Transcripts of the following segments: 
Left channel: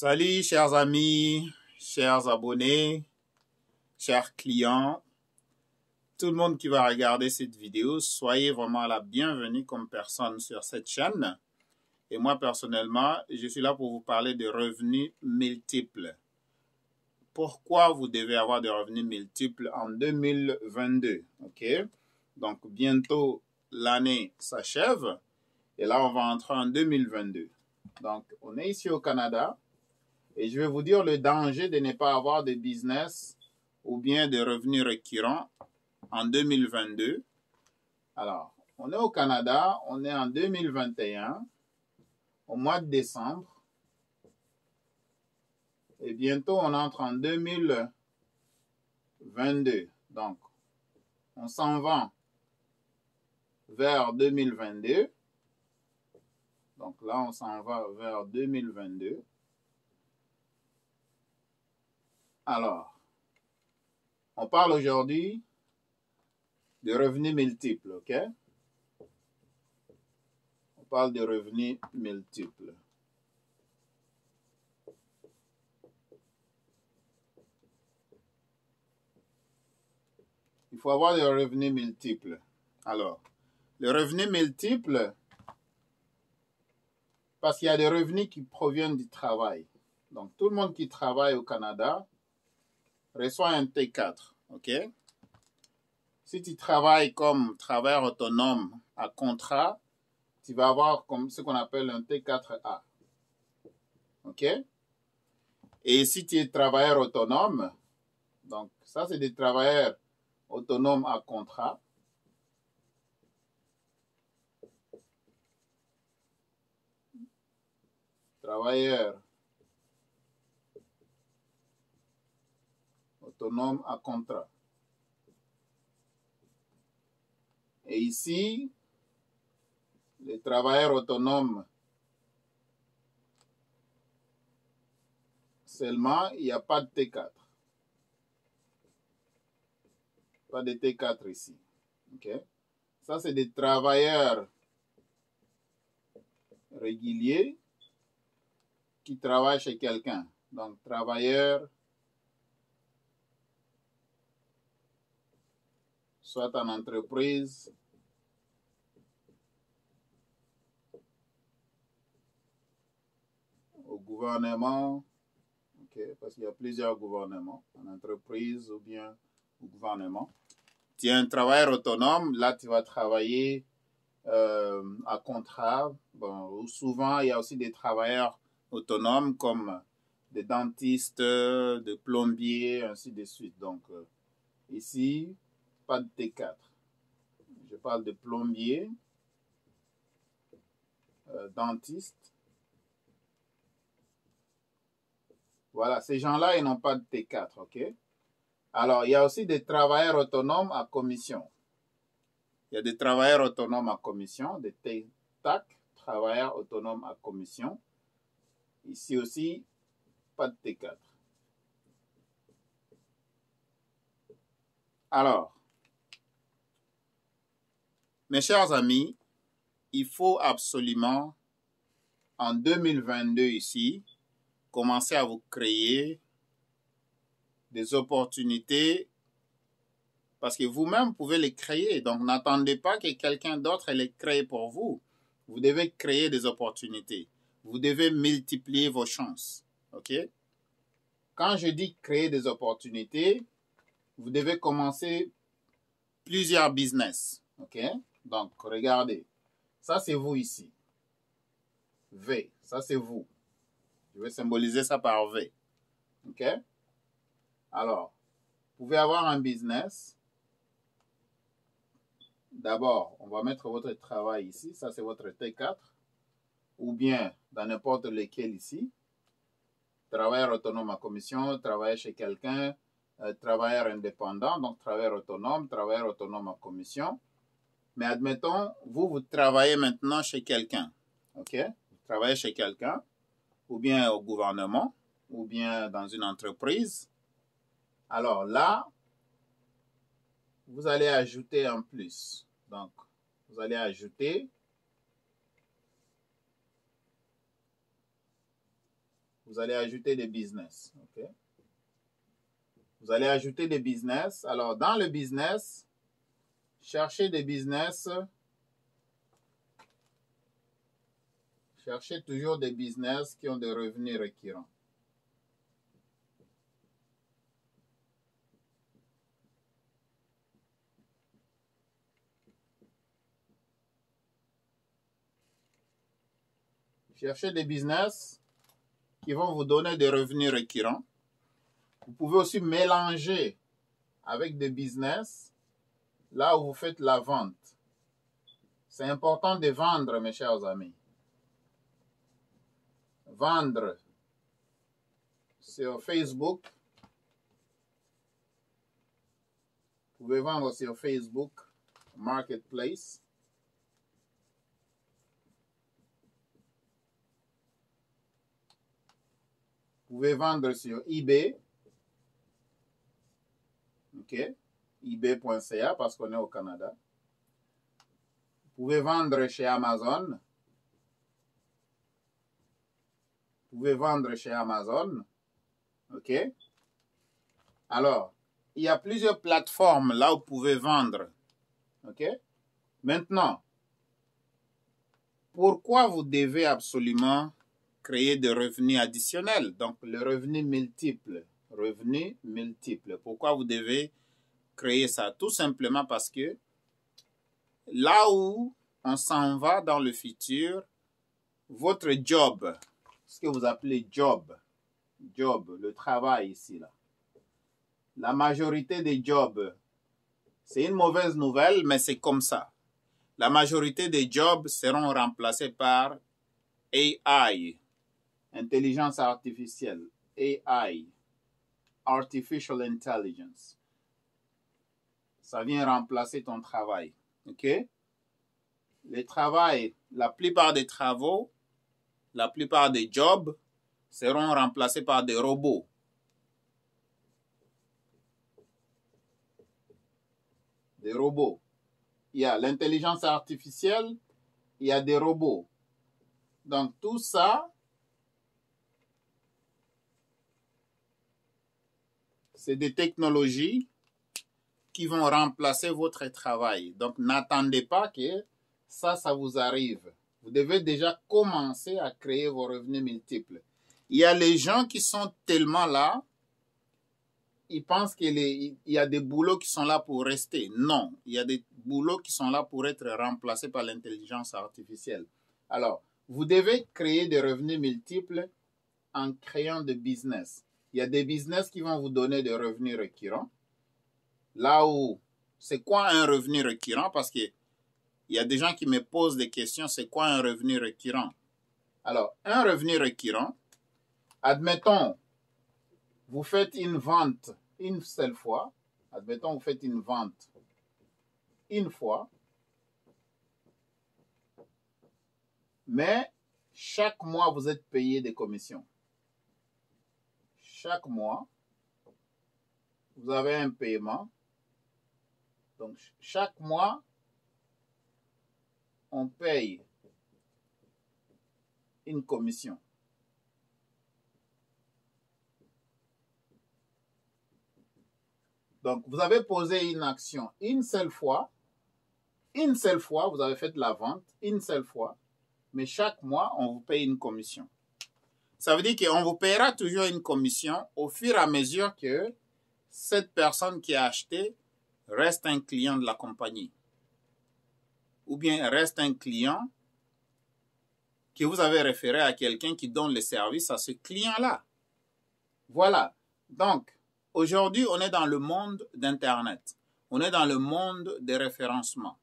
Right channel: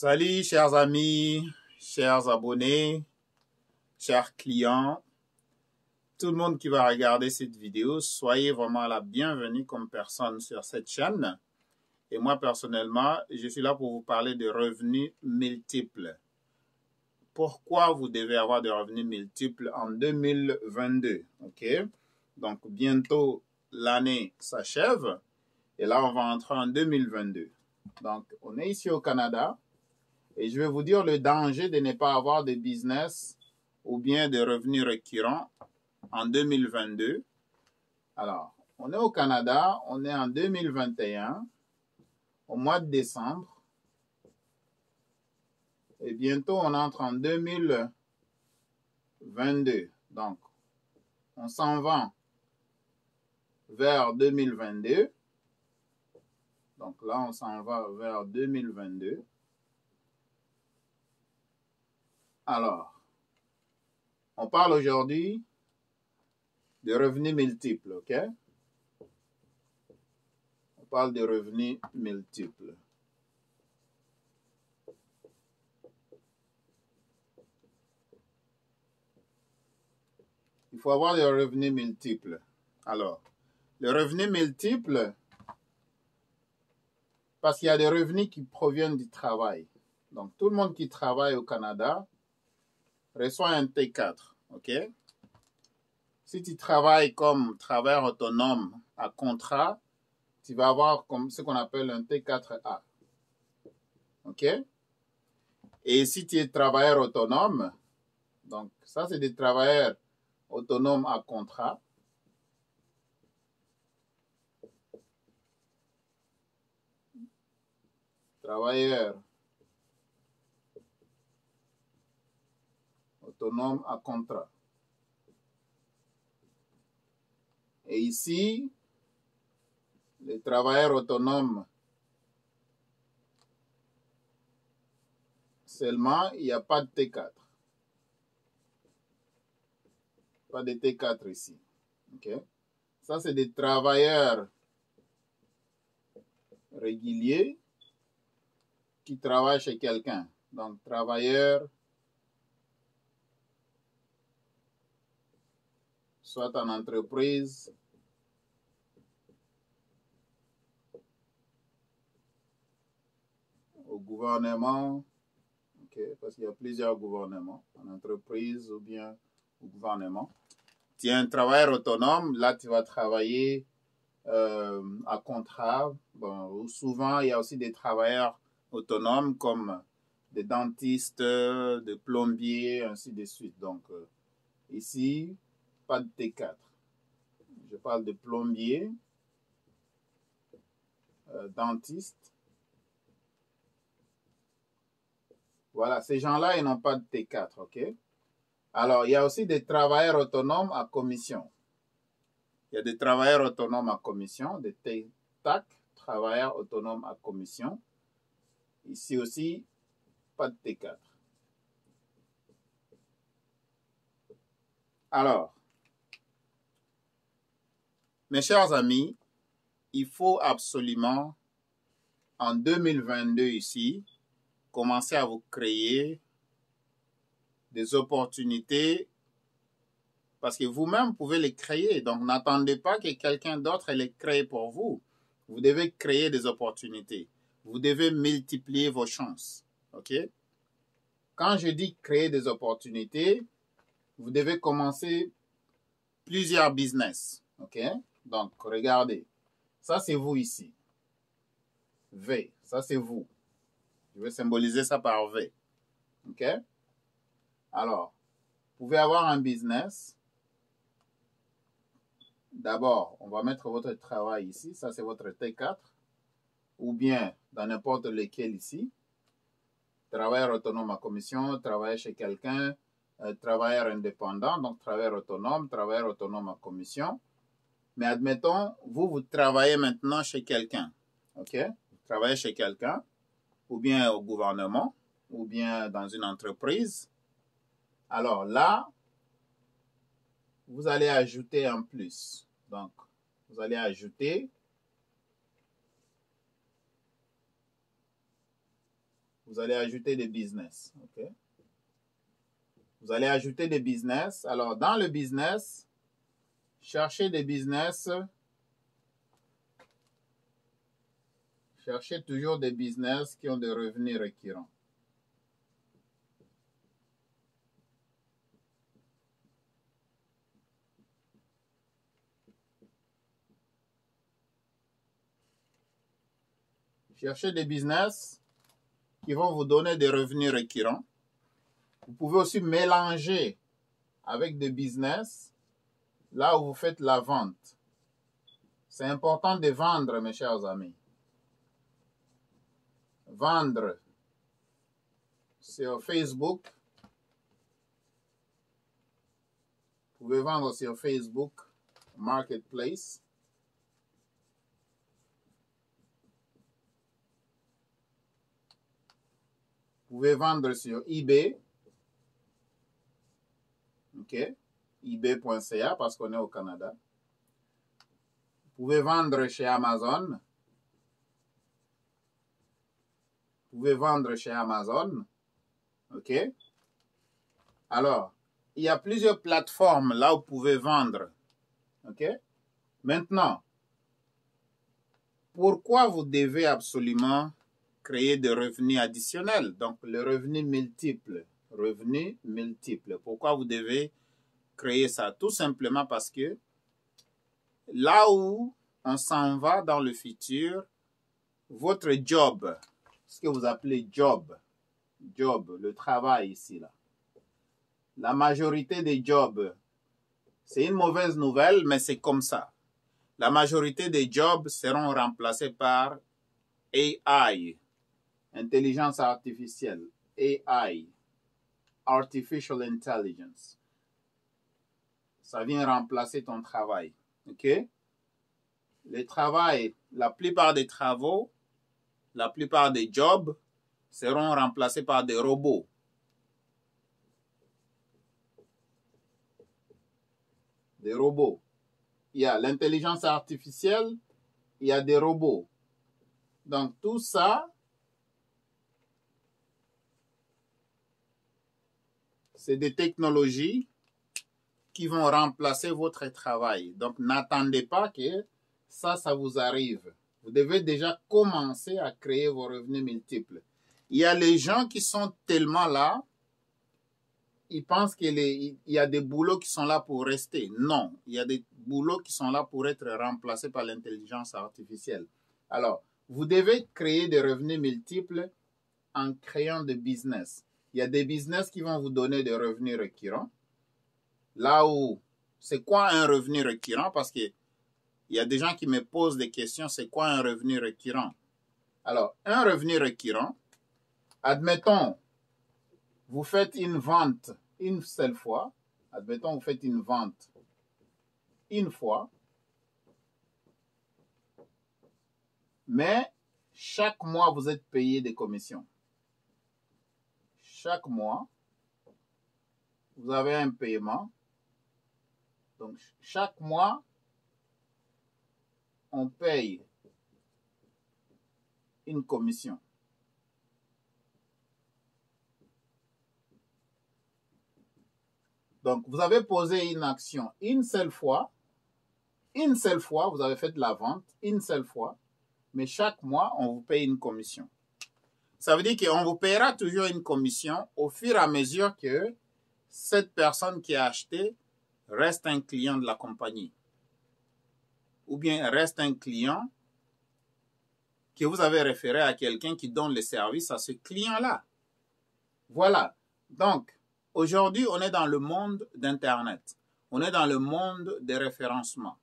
Salut chers amis, chers abonnés, chers clients, tout le monde qui va regarder cette vidéo, soyez vraiment la bienvenue comme personne sur cette chaîne. Et moi personnellement, je suis là pour vous parler de revenus multiples. Pourquoi vous devez avoir des revenus multiples en 2022, ok? Donc bientôt l'année s'achève et là on va entrer en 2022. Donc on est ici au Canada. Et je vais vous dire le danger de ne pas avoir de business ou bien de revenus récurrents en 2022. Alors, on est au Canada, on est en 2021, au mois de décembre. Et bientôt, on entre en 2022. Donc, on s'en va vers 2022. Donc là, on s'en va vers 2022. Alors, on parle aujourd'hui de revenus multiples, ok? On parle de revenus multiples. Il faut avoir des revenus multiples. Alors, les revenus multiples, parce qu'il y a des revenus qui proviennent du travail. Donc, tout le monde qui travaille au Canada reçoit un T4, ok? Si tu travailles comme travailleur autonome à contrat, tu vas avoir comme ce qu'on appelle un T4A, ok? Et si tu es travailleur autonome, donc ça c'est des travailleurs autonomes à contrat. Travailleurs autonomes à contrat. Et ici, les travailleurs autonomes seulement, il n'y a pas de T4. Pas de T4 ici. Okay? Ça, c'est des travailleurs réguliers qui travaillent chez quelqu'un. Donc, travailleurs, soit en entreprise, au gouvernement, okay, parce qu'il y a plusieurs gouvernements, en entreprise ou bien au gouvernement. Tu es un travailleur autonome, là tu vas travailler à contrat. Bon, souvent, il y a aussi des travailleurs autonomes comme des dentistes, des plombiers, ainsi de suite. Donc, ici, pas de T4. Je parle de plombiers, dentistes. Voilà, ces gens-là, ils n'ont pas de T4, ok? Alors, il y a aussi des travailleurs autonomes à commission. Il y a des travailleurs autonomes à commission, des TAC, travailleurs autonomes à commission. Ici aussi, pas de T4. Alors, mes chers amis, il faut absolument, en 2022 ici, commencer à vous créer des opportunités parce que vous-même pouvez les créer. Donc, n'attendez pas que quelqu'un d'autre les crée pour vous. Vous devez créer des opportunités. Vous devez multiplier vos chances. OK? Quand je dis créer des opportunités, vous devez commencer plusieurs business. OK? Donc, regardez. Ça, c'est vous ici. V. Ça, c'est vous. Je vais symboliser ça par V. OK? Alors, vous pouvez avoir un business. D'abord, on va mettre votre travail ici. Ça, c'est votre T4. Ou bien, dans n'importe lequel ici. Travailleur autonome à commission, travailler chez quelqu'un, travailleur indépendant, donc travailleur autonome à commission. Mais admettons, vous travaillez maintenant chez quelqu'un. OK? Vous travaillez chez quelqu'un, ou bien au gouvernement, ou bien dans une entreprise. Alors là, vous allez ajouter un plus. Donc, vous allez ajouter Vous allez ajouter des business. Okay? Vous allez ajouter des business. Alors, dans le business, cherchez des business. Cherchez toujours des business qui ont des revenus récurrents. Cherchez des business qui vont vous donner des revenus récurrents. Vous pouvez aussi mélanger avec des business là où vous faites la vente. C'est important de vendre, mes chers amis. Vendre sur Facebook. Vous pouvez vendre sur Facebook Marketplace. Vous pouvez vendre sur eBay. OK. eBay.ca parce qu'on est au Canada. Vous pouvez vendre chez Amazon. Vous pouvez vendre chez Amazon. OK. Alors, il y a plusieurs plateformes là où vous pouvez vendre. OK. Maintenant, pourquoi vous devez absolument créer des revenus additionnels? Donc, le revenu multiple. Revenu multiple. Pourquoi vous devez créer ça? Tout simplement parce que là où on s'en va dans le futur, votre job, ce que vous appelez job, le travail ici, là. La majorité des jobs, c'est une mauvaise nouvelle, mais c'est comme ça. La majorité des jobs seront remplacés par AI, intelligence artificielle, AI, Artificial Intelligence. Ça vient remplacer ton travail, ok? Le travail, la plupart des travaux, la plupart des jobs seront remplacés par des robots. Des robots. Il y a l'intelligence artificielle, il y a des robots. Donc tout ça, c'est des technologies qui vont remplacer votre travail. Donc n'attendez pas que ça vous arrive. Vous devez déjà commencer à créer vos revenus multiples. Il y a les gens qui sont tellement là, ils pensent qu'il y a des boulots qui sont là pour rester. Non, il y a des boulots qui sont là pour être remplacés par l'intelligence artificielle. Alors, vous devez créer des revenus multiples en créant des business. Il y a des business qui vont vous donner des revenus récurrents. Là où, c'est quoi un revenu récurrent? Parce qu'il y a des gens qui me posent des questions, c'est quoi un revenu récurrent? Alors, un revenu récurrent, admettons, vous faites une vente une seule fois. Admettons, vous faites une vente une fois. Mais chaque mois, vous êtes payé des commissions. Chaque mois, vous avez un paiement. Donc, chaque mois, on paye une commission. Donc, vous avez posé une action une seule fois. Une seule fois, vous avez fait de la vente, une seule fois. Mais chaque mois, on vous paye une commission. Ça veut dire qu'on vous payera toujours une commission au fur et à mesure que cette personne qui a acheté reste un client de la compagnie. Ou bien reste un client que vous avez référé à quelqu'un qui donne le service à ce client-là. Voilà. Donc, aujourd'hui, on est dans le monde d'Internet. On est dans le monde des référencements.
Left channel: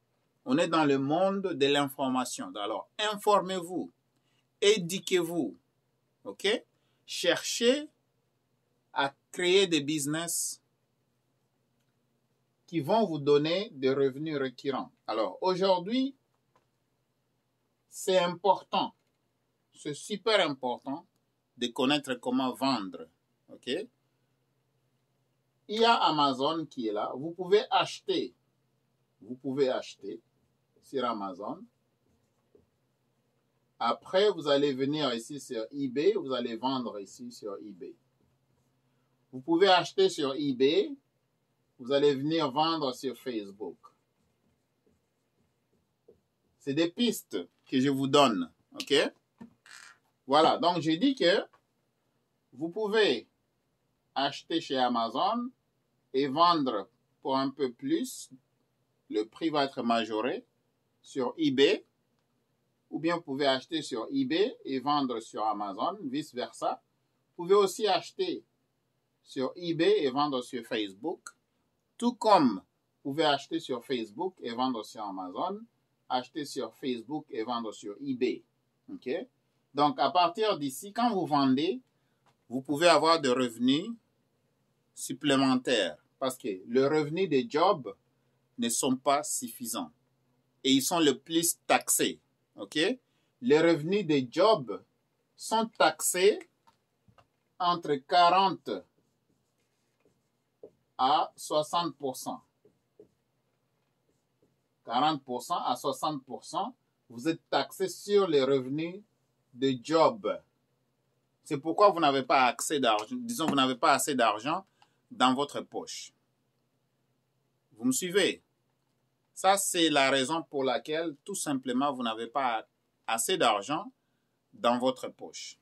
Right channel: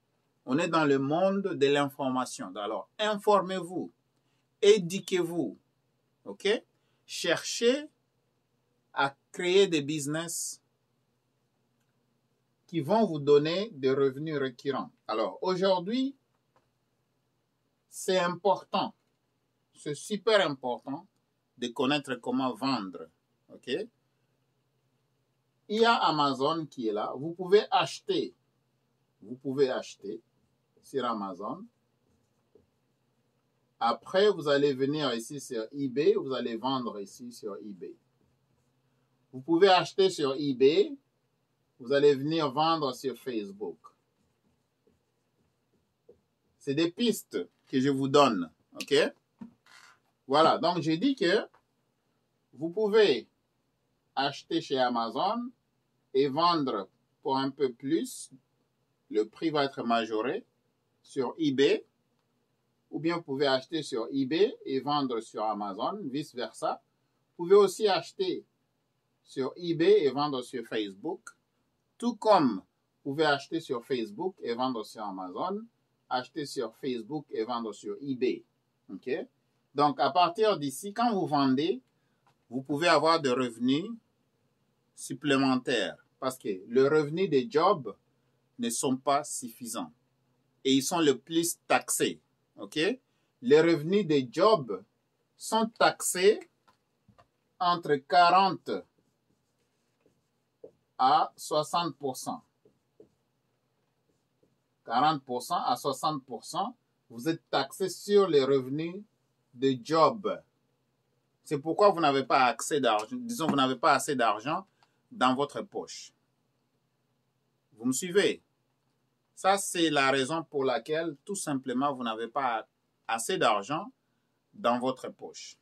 On est dans le monde de l'information. Alors, informez-vous, éduquez-vous, ok? Cherchez à créer des business qui vont vous donner des revenus récurrents. Alors, aujourd'hui, c'est important, c'est super important de connaître comment vendre, ok? Il y a Amazon qui est là. Vous pouvez acheter sur Amazon Après, vous allez venir ici sur eBay, vous allez vendre ici sur eBay. Vous pouvez acheter sur eBay, vous allez venir vendre sur Facebook. C'est des pistes que je vous donne, ok? Voilà, donc j'ai dit que vous pouvez acheter chez Amazon et vendre pour un peu plus. Le prix va être majoré sur eBay. Ou bien vous pouvez acheter sur eBay et vendre sur Amazon, vice-versa. Vous pouvez aussi acheter sur eBay et vendre sur Facebook. Tout comme vous pouvez acheter sur Facebook et vendre sur Amazon, acheter sur Facebook et vendre sur eBay. Ok? Donc, à partir d'ici, quand vous vendez, vous pouvez avoir des revenus supplémentaires parce que le revenu des jobs ne sont pas suffisants et ils sont le plus taxés. Ok? Les revenus des jobs sont taxés entre 40 à 60%. 40% à 60%, vous êtes taxé sur les revenus de job. C'est pourquoi vous n'avez pas accès d'argent, disons, vous n'avez pas assez d'argent dans votre poche. Vous me suivez? Ça, c'est la raison pour laquelle, tout simplement, vous n'avez pas assez d'argent dans votre poche.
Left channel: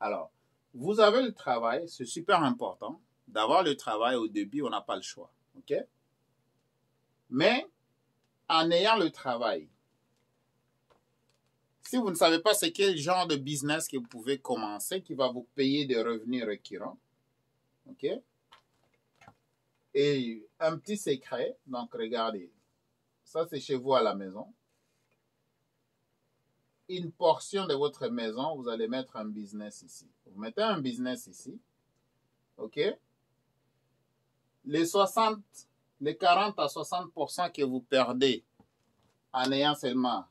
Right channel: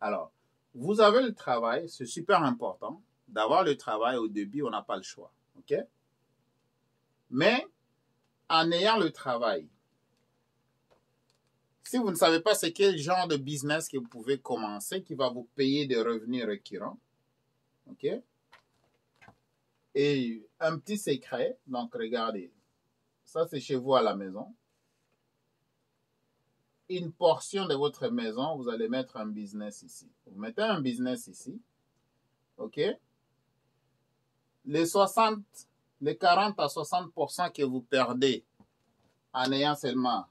Alors, vous avez le travail, c'est super important. D'avoir le travail au début, on n'a pas le choix. Ok? Mais, en ayant le travail, si vous ne savez pas c'est quel genre de business que vous pouvez commencer qui va vous payer des revenus récurrents, ok? Et un petit secret, donc regardez, ça c'est chez vous à la maison. Une portion de votre maison, vous allez mettre un business ici. Vous mettez un business ici, ok? Les 40 à 60% que vous perdez en ayant seulement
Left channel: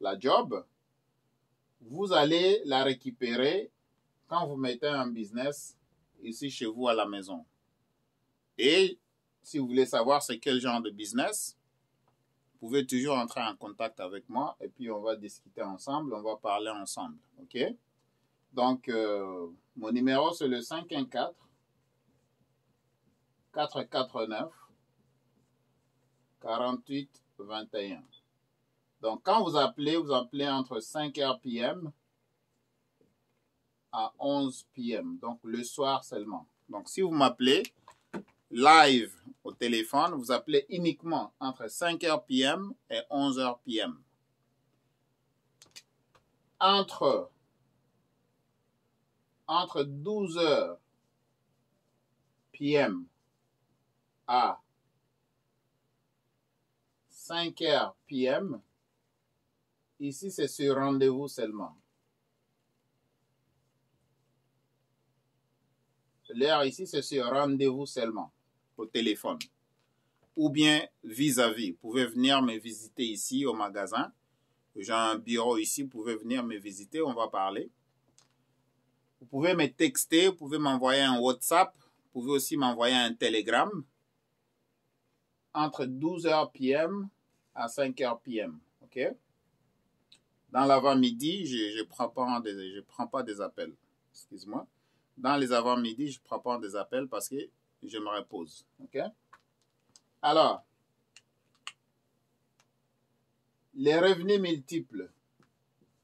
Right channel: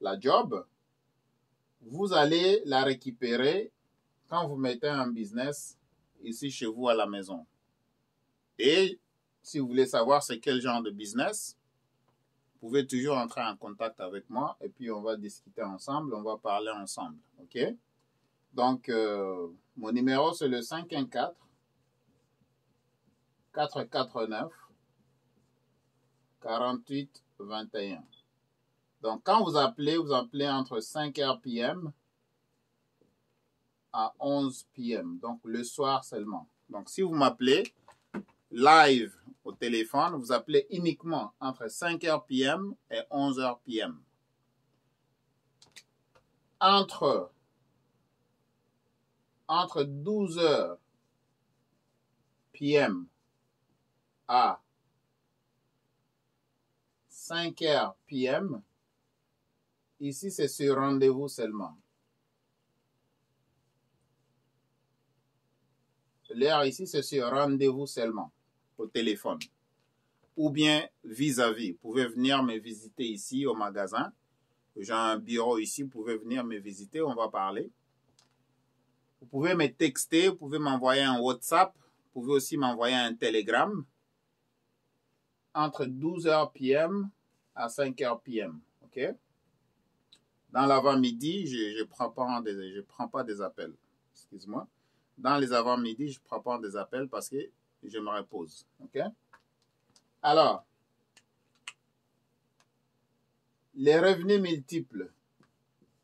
la job, vous allez la récupérer quand vous mettez un business ici chez vous à la maison. Et si vous voulez savoir c'est quel genre de business, vous pouvez toujours entrer en contact avec moi et puis on va discuter ensemble, on va parler ensemble. Ok? Donc, mon numéro c'est le 514 449 48 21. Donc, quand vous appelez entre 5h p.m. à 11 p.m. Donc, le soir seulement. Donc, si vous m'appelez live au téléphone, vous appelez uniquement entre 5h p.m. et 11h p.m. Entre 12h p.m. à 5h p.m., ici, c'est sur rendez-vous seulement. L'heure ici, c'est sur rendez-vous seulement, au téléphone. Ou bien vis-à-vis. Vous pouvez venir me visiter ici au magasin. J'ai un bureau ici, vous pouvez venir me visiter, on va parler. Vous pouvez me texter, vous pouvez m'envoyer un WhatsApp, vous pouvez aussi m'envoyer un Telegram. Entre 12h p.m. à 5h p.m. Ok? Dans l'avant-midi, je prends pas des appels. Excuse-moi. Dans les avant-midi, je ne prends pas des appels parce que je me repose. Ok? Alors, les revenus multiples,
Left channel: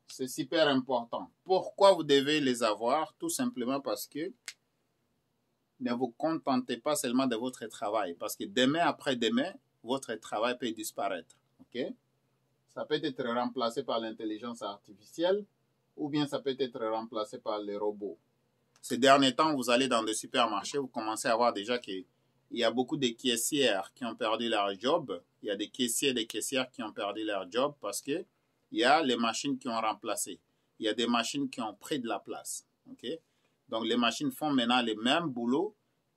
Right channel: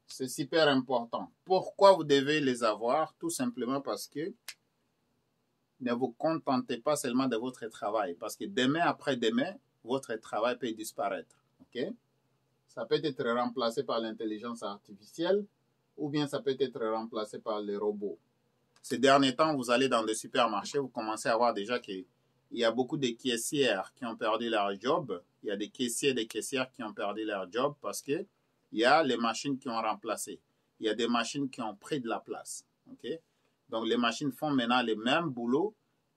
c'est super important. Pourquoi vous devez les avoir? Tout simplement parce que ne vous contentez pas seulement de votre travail. Parce que demain après-demain, votre travail peut disparaître. Ok? Ça peut être remplacé par l'intelligence artificielle ou bien ça peut être remplacé par les robots. Ces derniers temps, vous allez dans des supermarchés, vous commencez à voir déjà qu'il y a beaucoup de caissières qui ont perdu leur job. Il y a des caissiers et des caissières qui ont perdu leur job parce qu'il y a les machines qui ont remplacé. Il y a des machines qui ont pris de la place. Okay? Donc, les machines font maintenant le même boulot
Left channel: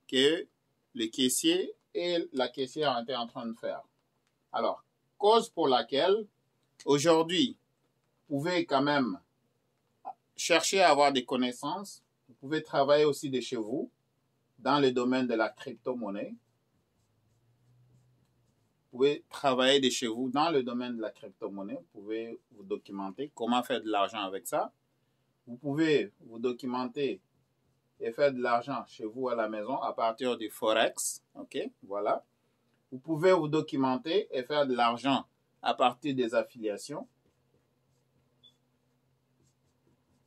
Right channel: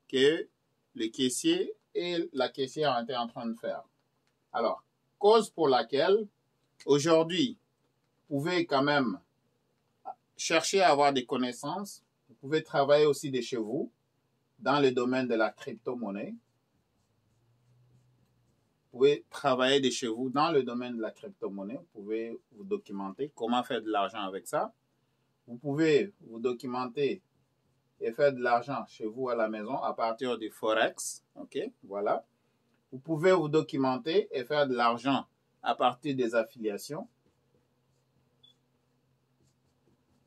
que le caissier et la caissière étaient en train de faire. Alors, cause pour laquelle aujourd'hui, vous pouvez quand même chercher à avoir des connaissances. Vous pouvez travailler aussi de chez vous dans le domaine de la crypto-monnaie. pouvez travailler de chez vous dans le domaine de la crypto-monnaie. Vous pouvez vous documenter comment faire de l'argent avec ça. Vous pouvez vous documenter et faire de l'argent chez vous à la maison à partir du Forex. OK, voilà. Vous pouvez vous documenter et faire de l'argent à partir des affiliations.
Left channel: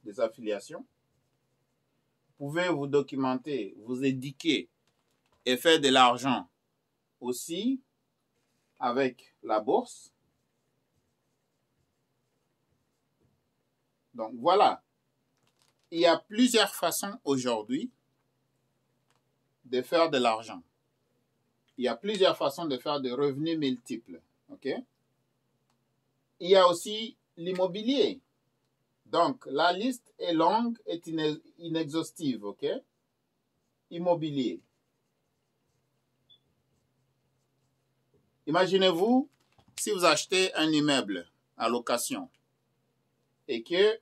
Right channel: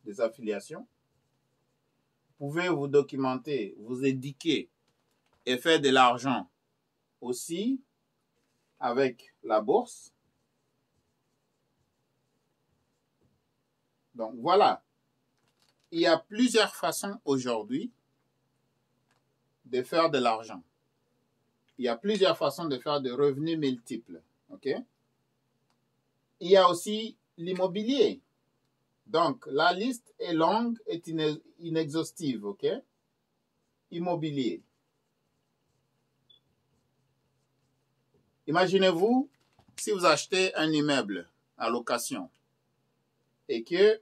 Vous pouvez vous documenter, vous éduquer et faire de l'argent aussi avec la bourse. Donc voilà, il y a plusieurs façons aujourd'hui de faire de l'argent. Il y a plusieurs façons de faire des revenus multiples. OK? Il y a aussi l'immobilier. Donc, la liste est longue et inexhaustive. OK? Immobilier. Imaginez-vous si vous achetez un immeuble à location et que,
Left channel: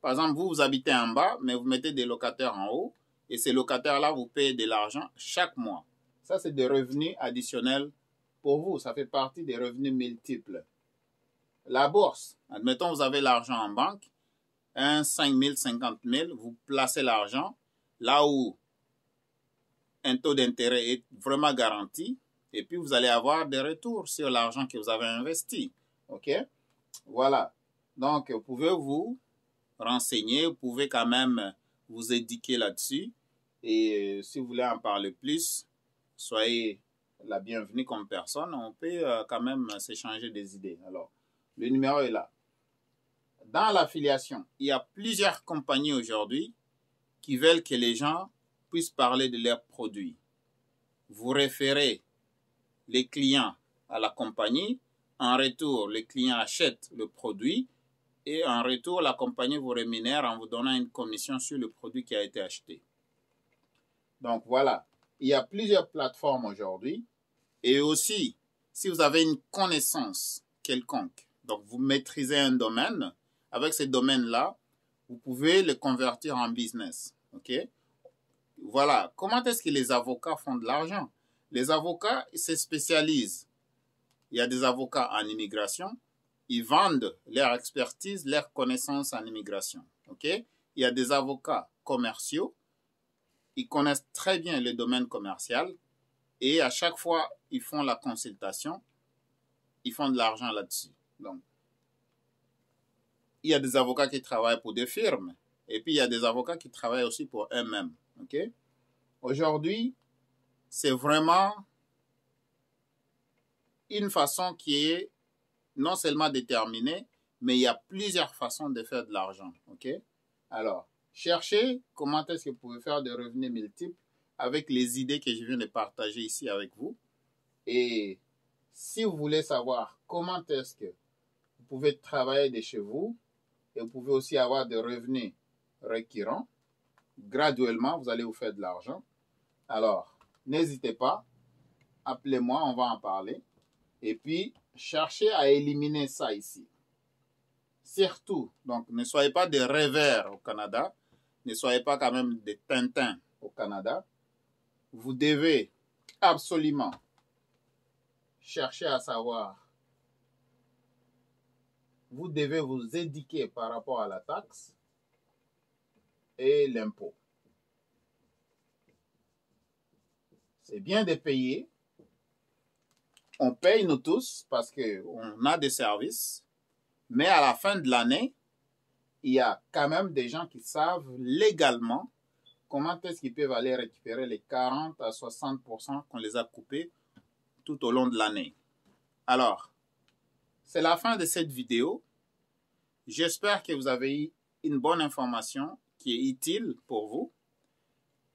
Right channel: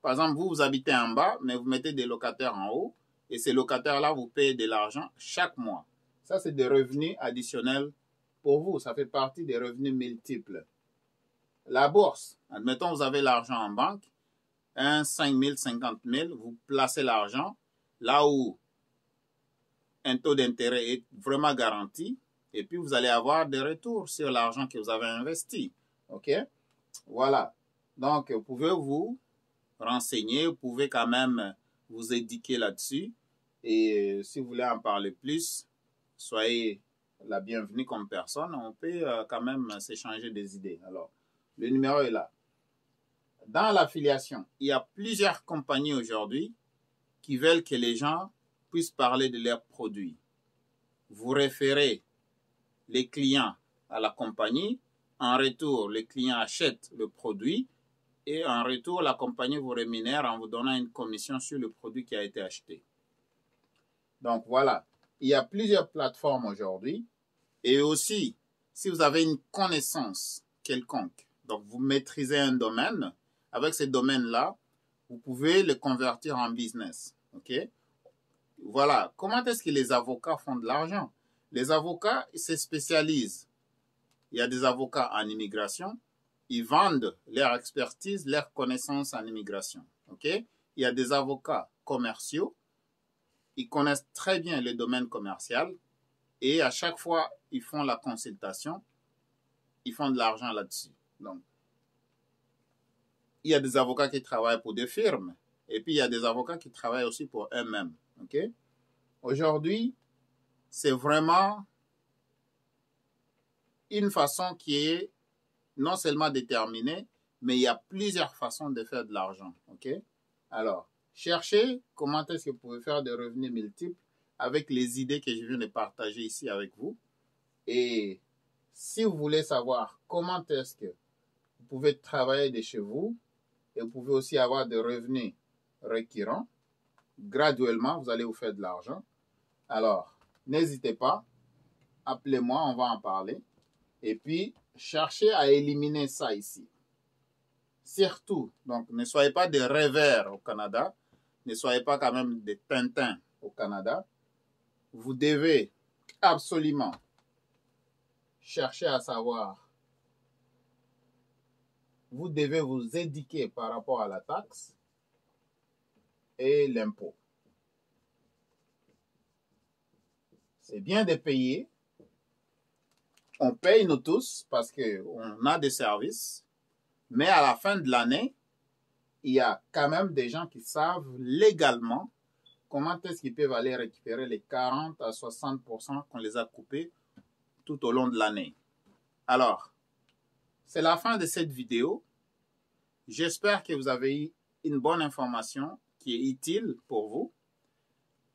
par exemple, vous habitez en bas, mais vous mettez des locataires en haut et ces locataires-là vous payent de l'argent chaque mois. Ça, c'est des revenus additionnels pour vous. Ça fait partie des revenus multiples. La bourse, admettons, vous avez l'argent en banque, 5 000, 50 000, vous placez l'argent là où un taux d'intérêt est vraiment garanti et puis vous allez avoir des retours sur l'argent que vous avez investi. OK? Voilà. Donc, vous pouvez vous renseigner, vous pouvez quand même vous éduquer là-dessus et si vous voulez en parler plus, soyez la bienvenue comme personne. On peut quand même s'échanger des idées. Alors, le numéro est là. Dans l'affiliation, il y a plusieurs compagnies aujourd'hui qui veulent que les gens puissent parler de leurs produits. Vous référez les clients à la compagnie. En retour, les clients achètent le produit et en retour, la compagnie vous rémunère en vous donnant une commission sur le produit qui a été acheté. Donc voilà, il y a plusieurs plateformes aujourd'hui et aussi, si vous avez une connaissance quelconque, donc vous maîtrisez un domaine, avec ce domaine-là, vous pouvez le convertir en business. OK? Voilà, comment est-ce que les avocats font de l'argent? Les avocats se spécialisent. Il y a des avocats en immigration, ils vendent leur expertise, leur connaissance en immigration. OK? Il y a des avocats commerciaux, ils connaissent très bien le domaine commercial et à chaque fois, ils font la consultation, ils font de l'argent là-dessus. Donc, il y a des avocats qui travaillent pour des firmes et puis il y a des avocats qui travaillent aussi pour eux-mêmes. OK? Aujourd'hui, c'est vraiment une façon qui est non seulement déterminée, mais il y a plusieurs façons de faire de l'argent. OK? Alors, cherchez comment est-ce que vous pouvez faire des revenus multiples avec les idées que je viens de partager ici avec vous. Et si vous voulez savoir comment est-ce que vous pouvez travailler de chez vous et vous pouvez aussi avoir des revenus récurrents, graduellement, vous allez vous faire de l'argent. Alors, n'hésitez pas, appelez-moi, on va en parler. Et puis, cherchez à éliminer ça ici. Surtout, donc ne soyez pas des rêveurs au Canada, ne soyez pas quand même des Tintins au Canada. Vous devez absolument chercher à savoir, vous devez vous éduquer par rapport à la taxe et l'impôt. C'est bien de payer. On paye nous tous parce qu'on a des services, mais à la fin de l'année, il y a quand même des gens qui savent légalement comment est-ce qu'ils peuvent aller récupérer les 40 à 60% qu'on les a coupés tout au long de l'année. Alors, c'est la fin de cette vidéo. J'espère que vous avez eu une bonne information qui est utile pour vous.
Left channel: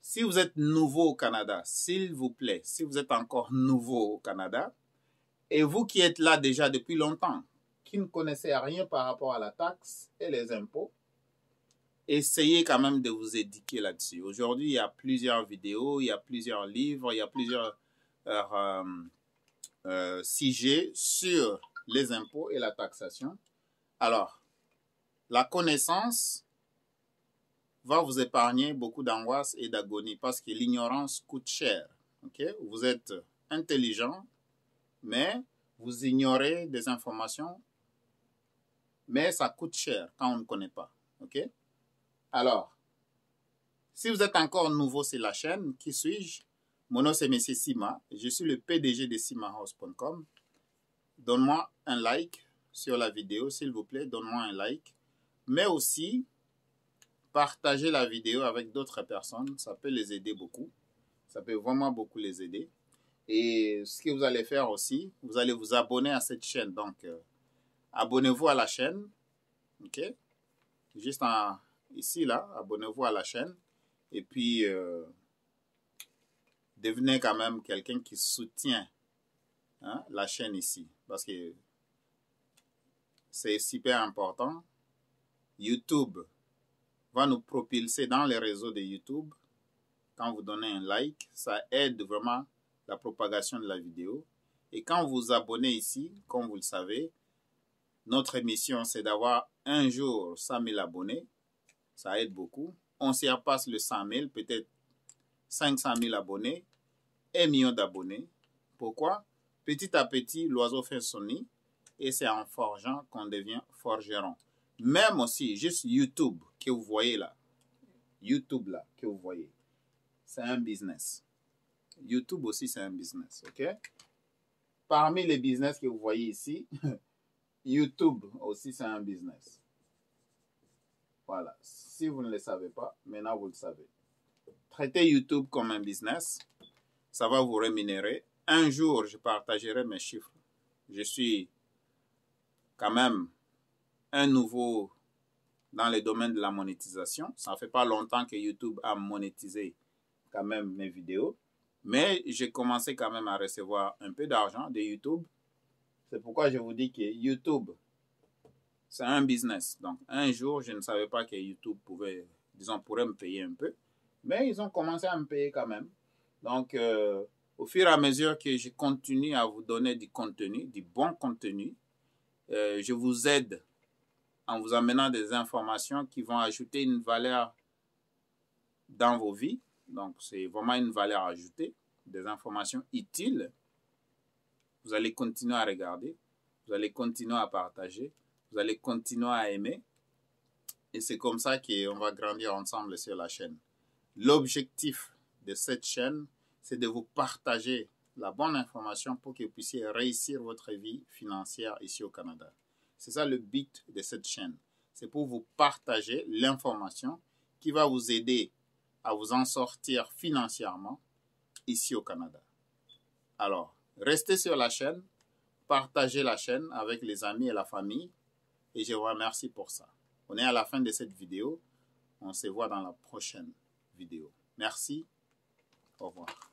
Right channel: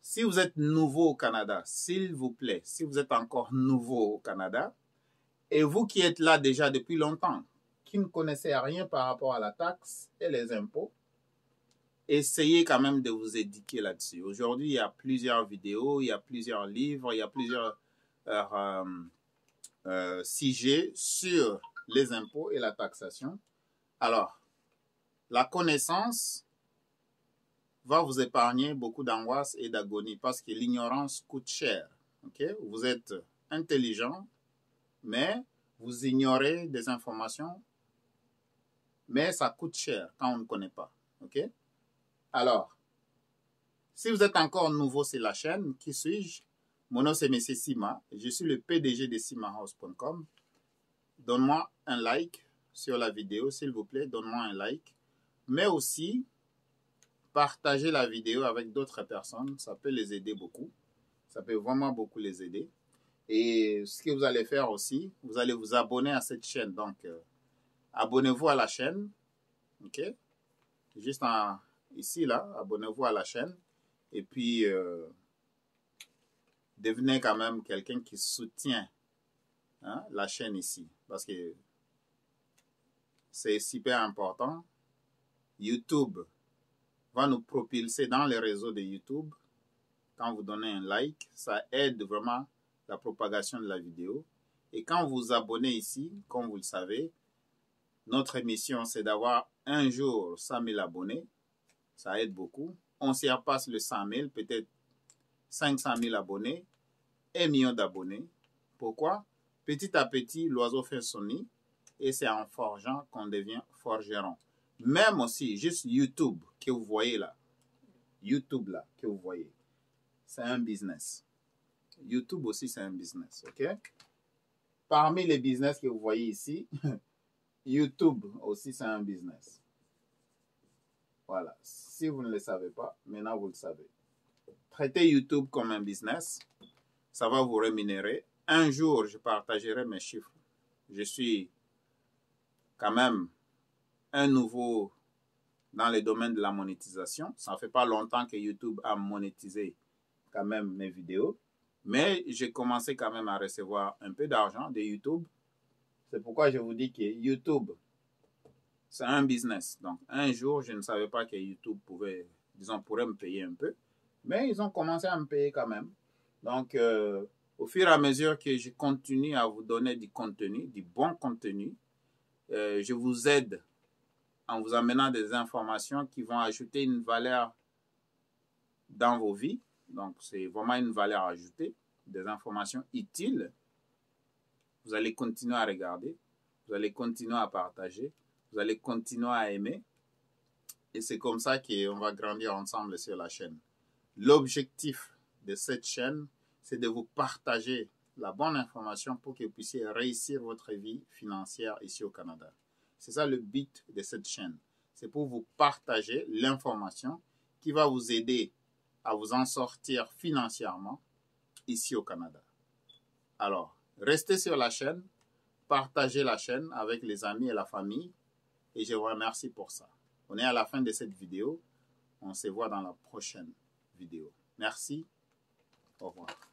Si vous êtes nouveau au Canada, s'il vous plaît, si vous êtes encore nouveau au Canada, et vous qui êtes là déjà depuis longtemps, qui ne connaissez rien par rapport à la taxe et les impôts, essayez quand même de vous éduquer là-dessus. Aujourd'hui, il y a plusieurs vidéos, il y a plusieurs livres, il y a plusieurs sujets sur les impôts et la taxation. Alors, la connaissance va vous épargner beaucoup d'angoisse et d'agonie parce que l'ignorance coûte cher. Okay? Vous êtes intelligent, mais vous ignorez des informations, mais ça coûte cher quand on ne connaît pas. OK? Alors, si vous êtes encore nouveau sur la chaîne, qui suis-je? Mon nom c'est M. Sima. Je suis le PDG de simahouse.com. Donne-moi un like sur la vidéo, s'il vous plaît. Donne-moi un like. Mais aussi, partagez la vidéo avec d'autres personnes. Ça peut les aider beaucoup. Ça peut vraiment beaucoup les aider. Et ce que vous allez faire aussi, vous allez vous abonner à cette chaîne. Donc, abonnez-vous à la chaîne. OK? Juste ici, là, abonnez-vous à la chaîne. Et puis, devenez quand même quelqu'un qui soutient la chaîne ici. Parce que c'est super important. YouTube va nous propulser dans les réseaux de YouTube. Quand vous donnez un like, ça aide vraiment la propagation de la vidéo. Et quand vous vous abonnez ici, comme vous le savez, notre mission, c'est d'avoir un jour 100 000 abonnés. Ça aide beaucoup. On s'y repasse le 100 000, peut-être 500 000 abonnés, 1 million d'abonnés. Pourquoi? Petit à petit, l'oiseau fait son nid et c'est en forgeant qu'on devient forgeron. Même aussi, juste YouTube que vous voyez là, YouTube là que vous voyez, c'est un business. YouTube aussi, c'est un business, ok? Parmi les business que vous voyez ici, YouTube aussi, c'est un business. Voilà. Si vous ne le savez pas, maintenant vous le savez. Traitez YouTube comme un business. Ça va vous rémunérer. Un jour, je partagerai mes chiffres. Je suis quand même un nouveau dans le domaine de la monétisation. Ça ne fait pas longtemps que YouTube a monétisé quand même mes vidéos. Mais j'ai commencé quand même à recevoir un peu d'argent de YouTube. C'est pourquoi je vous dis que YouTube, c'est un business. Donc, un jour, je ne savais pas que YouTube pouvait, disons, pourrait me payer un peu. Mais ils ont commencé à me payer quand même. Donc, au fur et à mesure que je continue à vous donner du contenu, du bon contenu, je vous aide en vous amenant des informations qui vont ajouter une valeur dans vos vies. Donc, c'est vraiment une valeur ajoutée, des informations utiles. Vous allez continuer à regarder, vous allez continuer à partager, vous allez continuer à aimer. Et c'est comme ça qu'on va grandir ensemble sur la chaîne. L'objectif de cette chaîne, c'est de vous partager la bonne information pour que vous puissiez réussir votre vie financière ici au Canada. C'est ça le but de cette chaîne. C'est pour vous partager l'information qui va vous aider à vous en sortir financièrement ici au Canada. Alors, restez sur la chaîne, partagez la chaîne avec les amis et la famille et je vous remercie pour ça. On est à la fin de cette vidéo. On se voit dans la prochaine vidéo. Merci. Au revoir.